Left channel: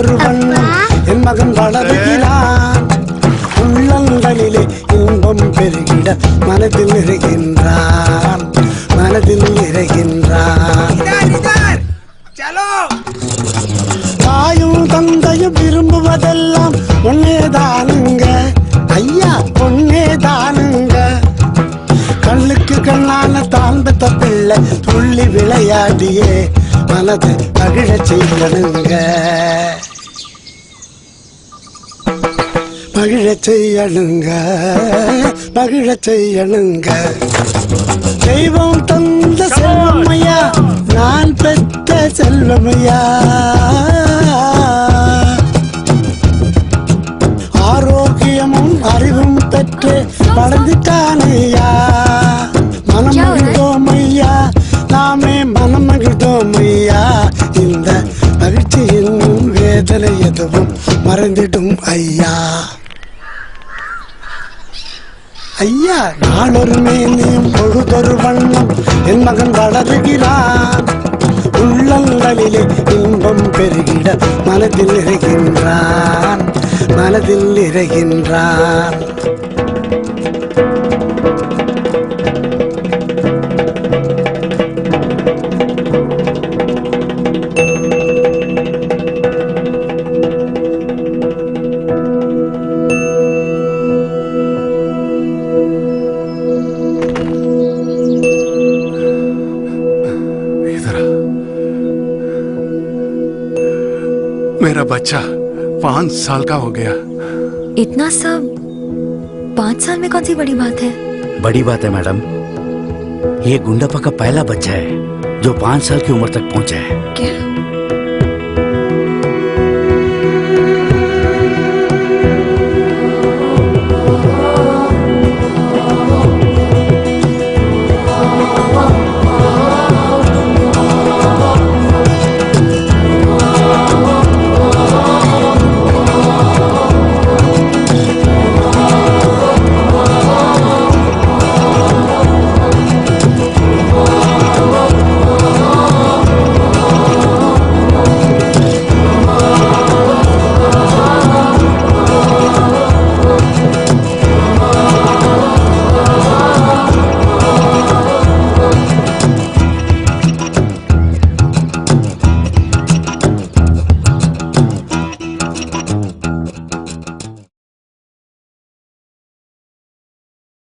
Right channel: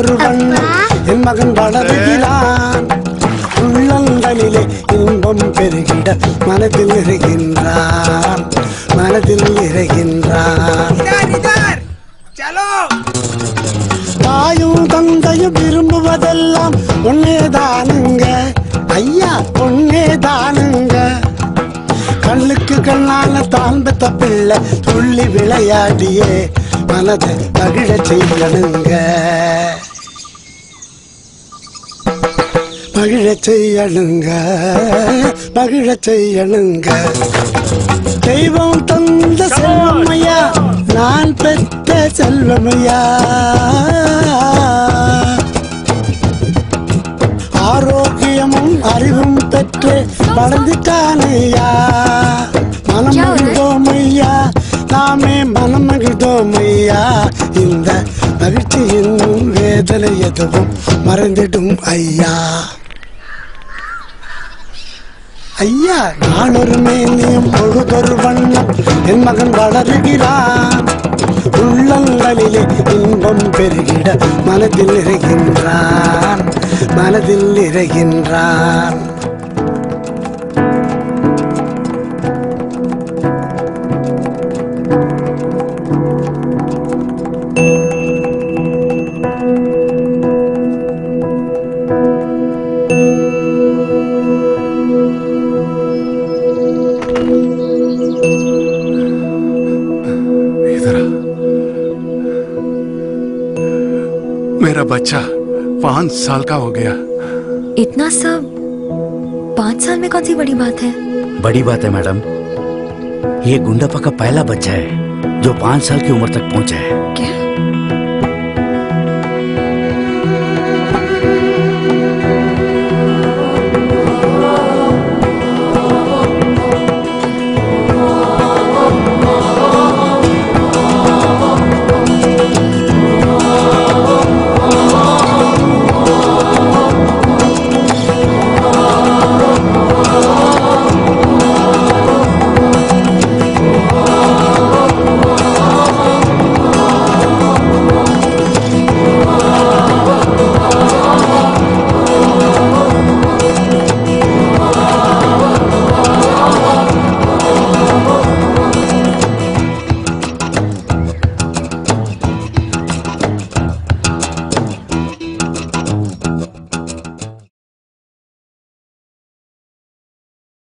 பொழுதொரு வண்ணம் என் மகன் வளருகிறான். உள்ளங்களிலே இன்பம் பெருகிட மனதில் நிறைகின்றான், மனதில் நிறைகின்றான். தாயும் தந்தையும் விரும்புவதெல்லாம் ஒன்னேதானுங்க ஐயா, ஒன்னேதானுங்க. கண்ணுக்கு கண்ணான தான் பெத்த பிள்ளை துள்ளி விளையாடியே மனதை மகிழ செய்யணுங்க, மகிழ செய்யணுங்க, மகிழ செய்யணுங்க. தெய்வம் தந்த செல்வமையா, நான் பெற்ற செல்வமையா. ஆரோக்கியமும் அறிவும் பெற்று வளர்ந்துட்டானையா. மனம் மகிழ்ந்தோமையா, நாமே மனம் மகிழ்ந்தோமையா. இந்த மகிழ்ச்சியின் வேதனை எதுவும் மறைந்திடும் ஐயா. ஐயா, நாளொரு மேனியும் பொழுதொரு வண்ணம் என் மகன் வளருகிறான். உள்ளங்களிலே இன்பம் பெருகிட மனதில் நிறைகின்றான், மனதில் நிறைகின்றான். मेरा बच्चा 5 साल का हो गया। इतना सब 5 साल में कौन सी बड़ी बात है? बड़ी बात है मैडम, ये गुंडापा का पहला बच्चा है जो 5 साल की उम्र तक पहुंचा है।